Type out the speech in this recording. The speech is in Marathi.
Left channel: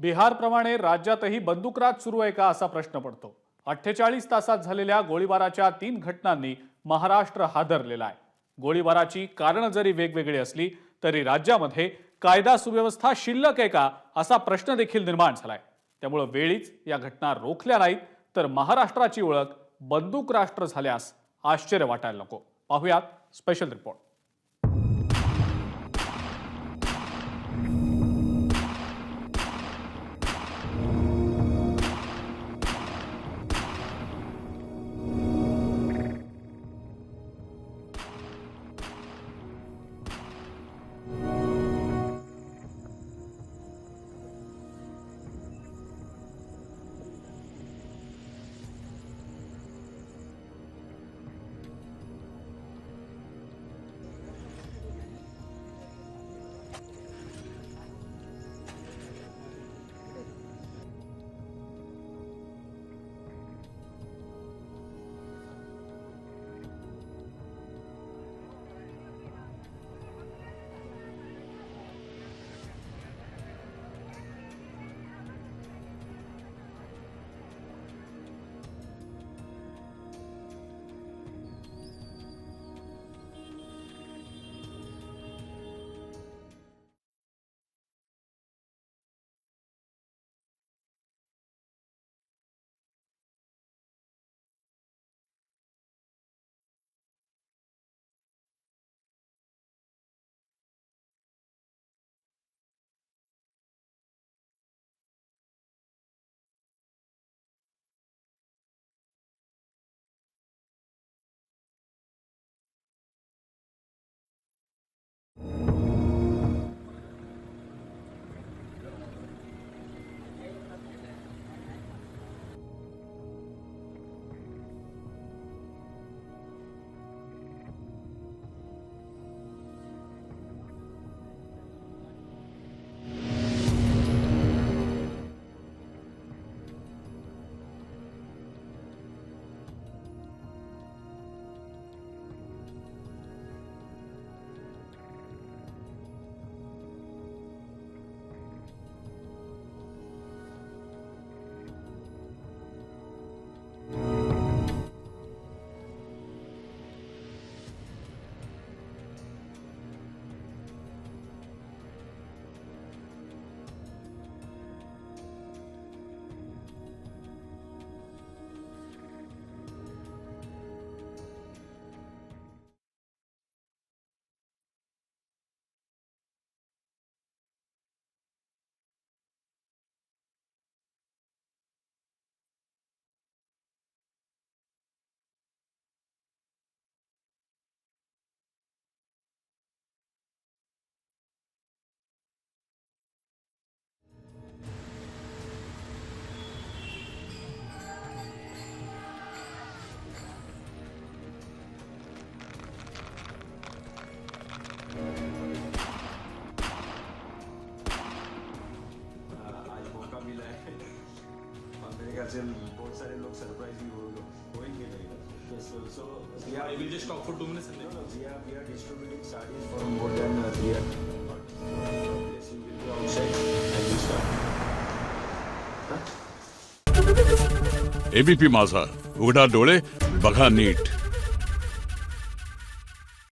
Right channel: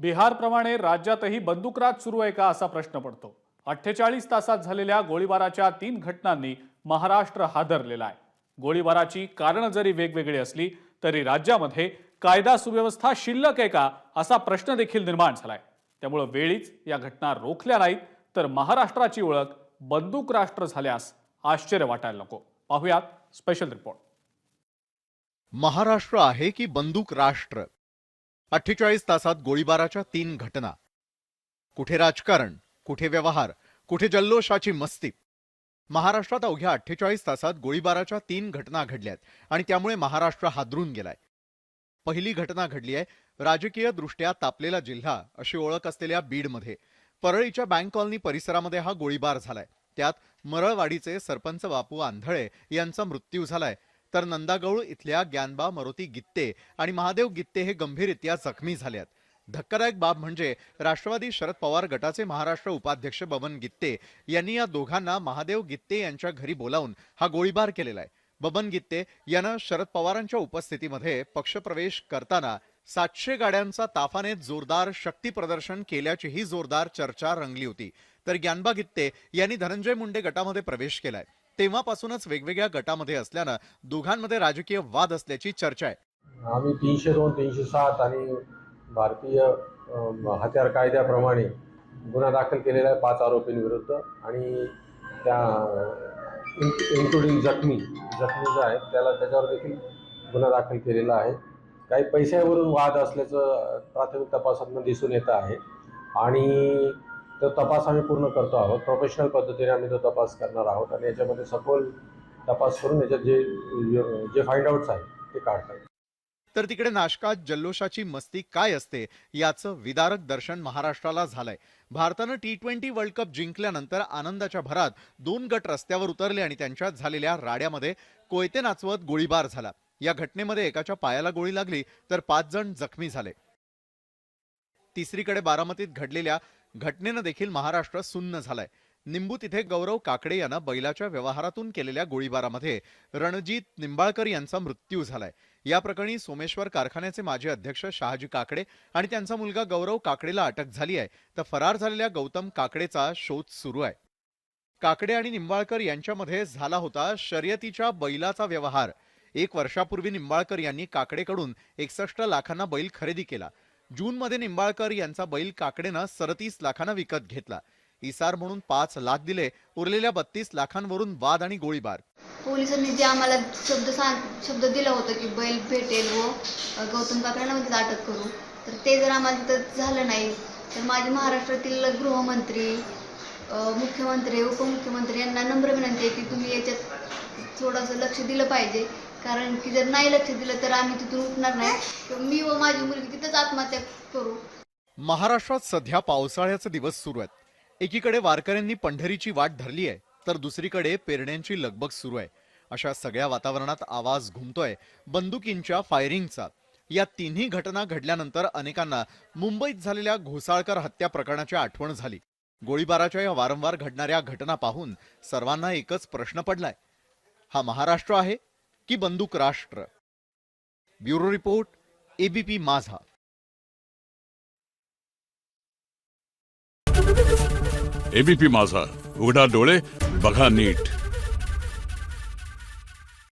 बिहारप्रमाणे राज्यातही बंदूकराज सुरू आहे का असा प्रश्न पडतो। 48 तासात झालेल्या गोळीबाराच्या 3 घटनांनी महाराष्ट्र हादरलेला आहे। गोळीबाराची कारणं जरी वेगवेगळी असली तरी राज्यामध्ये कायदा सुव्यवस्था शिल्लक आहे का असा प्रश्न देखील निर्माण झालाय। त्यामुळे वेळीच या घटना रोखल्या नाहीत तर महाराष्ट्राची ओळख बंदूक राष्ट्र झाल्यास आश्चर्य वाटायला नको। पाहूयात स्पेशल रिपोर्ट। महाराष्ट्र आहे की बंदूक राष्ट्र? 48 तासात गोळीबाराच्या 3 घटना। कुठे राजकारण, कुठे व्यवहार, कुठे जल्लोषाची मस्ती। महाराष्ट्रात अवघ्या 48 तासात गोळीबाराच्या 3 घटना घडल्यात आणि त्यामुळे महाराष्ट्र हादरून गेलाय। पहिली घटना घडली आहे राजकीय दृष्ट्या तापलेला जिल्हा अशी ओळख असलेल्या बीडमध्ये। परळीच्या बँक कॉलनी परिसरामध्ये हा गोळीबार झालाय। त्यात मरळवाडीचे सरपंच बापू आंधळे यांचा मृत्यू झालाय, तर नंदागौळ इथल्या ज्ञानबा मारुती गित्ते आणि महादेव गित्ते हे गंभीररित्या जखमी झाले आहेत। धक्कादायक बाब म्हणजे राष्ट्रवादी शरद पवार गटाचे महाराष्ट्र उपाध्यक्ष बबन गित्ते यांनी या दोघांना महादेव गित्ते यांच्या घरी बोलावून हा गोळीबार केलेला आहे। बबन गित्ते यानं शरद पवारांच्या उपस्थितीमध्ये पक्षप्रवेश करताना 700 गाड्यांचा ताफाने जोरदार शक्ती प्रदर्शन केल्याचीही जोरदार चर्चा रंगली होती। तर ज्ञानबा गित्ते यांनी धनंजय मुंडे गटामध्ये प्रवेश केलाय। तेव्हापासूनच वेगवेगळ्या गटामध्ये असल्यानं दोघांमध्ये राजकीय वाद असल्याची चर्चा आहे। आम्ही 302, 307 आणि भारतीय हत्यार कायद्याप्रमाणे गुन्हा दाखल केलेला आहे 5 आरोपींविरुद्ध आणि त्या इन्क्लुडिंग जखमी जो आहे त्याच्यावर देखील गुन्हा दाखल केलेला आहे। काही पैशावरून वाद असल्याचं प्राथमिक तपासातून दिसून येत आहे आणि तो तपास आम्ही पूर्ण करतो आहोत। प्रोफेशनल पद्धतीने आम्ही तो तपास करणार आहोत आणि याच्यामध्ये सखोल तपास करून याच्यात जे फाइंड आउट्स आहेत ते काढतो। तर तिकडे नाशकात जल्लोषाची मस्ती काय असते याचं विदारक दर्शन महाराष्ट्राला झालंय। भारतानं T20 वर्ल्ड कप जिंकल्यानंतर आनंदाच्या भरात 2 गट रस्त्यावर उतरले आणि त्यांच्यात झालेल्या राड्यामध्ये कोयते नाचवत गोळीबार झाला। या घटनेमध्ये एकाच्या पायाला गोळी लागली तर 5 जण जखमी झाले। तिसरीकडे बारामतीत घडलेल्या घटनेनं देखील महाराष्ट्र सुन्न झालाय। निंबू तिथे गौरव काकडे यांना बैलाच्या व्यवहारातून केलेल्या गोळीबारामध्ये रणजित निंबाळकर यांचा मृत्यू झालाय। या प्रकरणी सोमेश्वर कारखान्याचे माजी अध्यक्ष शहाजी काकडे आणि त्यांचा मुलगा गौरव काकडेला अटक झाली आहे, तर फरार झालेल्या गौतम काकडेचा शोध सुरू आहे। काकडे आणि निंबाळकर यांच्यामध्ये झाला होता शर्यतीच्या बैलाचा व्यवहार। 1 वर्षापूर्वी निंबाळकर यांनी काकडेकडून 61 लाखांना बैल खरेदी केला। जूनमध्ये निंबाळकर यांचा बैल काकडेनं 37 लाखांना विकत घेतला। इसार म्हणून 5 लाख दिले, उरलेल्या 32 लाखांवरून वाद आणि गोळीबार। पोलिसांनी जे आम्हाला शब्द दिला होता की बैल भेटेल व गौतम काकडेंना अटक करू, तर ते जर आम्हाला तिथं झालं नाही तर माझे महाराष्ट्रातील गृहमंत्री, मुख्यमंत्री, उपमुख्यमंत्री यांना नम्र विनंती आहे की तुम्ही याच्यात थोडंसं लक्ष दिलं पाहिजे, कारण की जर नाही लक्ष दिलं तर आम्ही तिथून उठणार नाही। मी व माझी मुलगी तिथंच आत्महत्या करू। महाराष्ट्रात सध्या पावसाळ्याचे दिवस सुरू आहेत। एकीकडे वारकऱ्यांनी पंढरीची वाट धरली आहे तर दुसरीकडे पेरण्यांची लगबग सुरू आहे। अशा सगळ्या वातावरणात आवाज घुमतोय बंदुकींच्या फायरिंगचा। या तिन्ही घटना घडल्यानंतर अनेकांना मुंबईत झालेल्या घोसाळकर हत्या प्रकरणाची आठवण झाली। गोळीबाराच्या या वारंवार घडणाऱ्या घटना पाहून सर्वांना एकच प्रश्न पडलाय, हा महाराष्ट्र आहे की बंदूक राष्ट्र? ब्युरो रिपोर्ट, ABP माझा। ABP माझा, उघडा डोळे बघा नीट।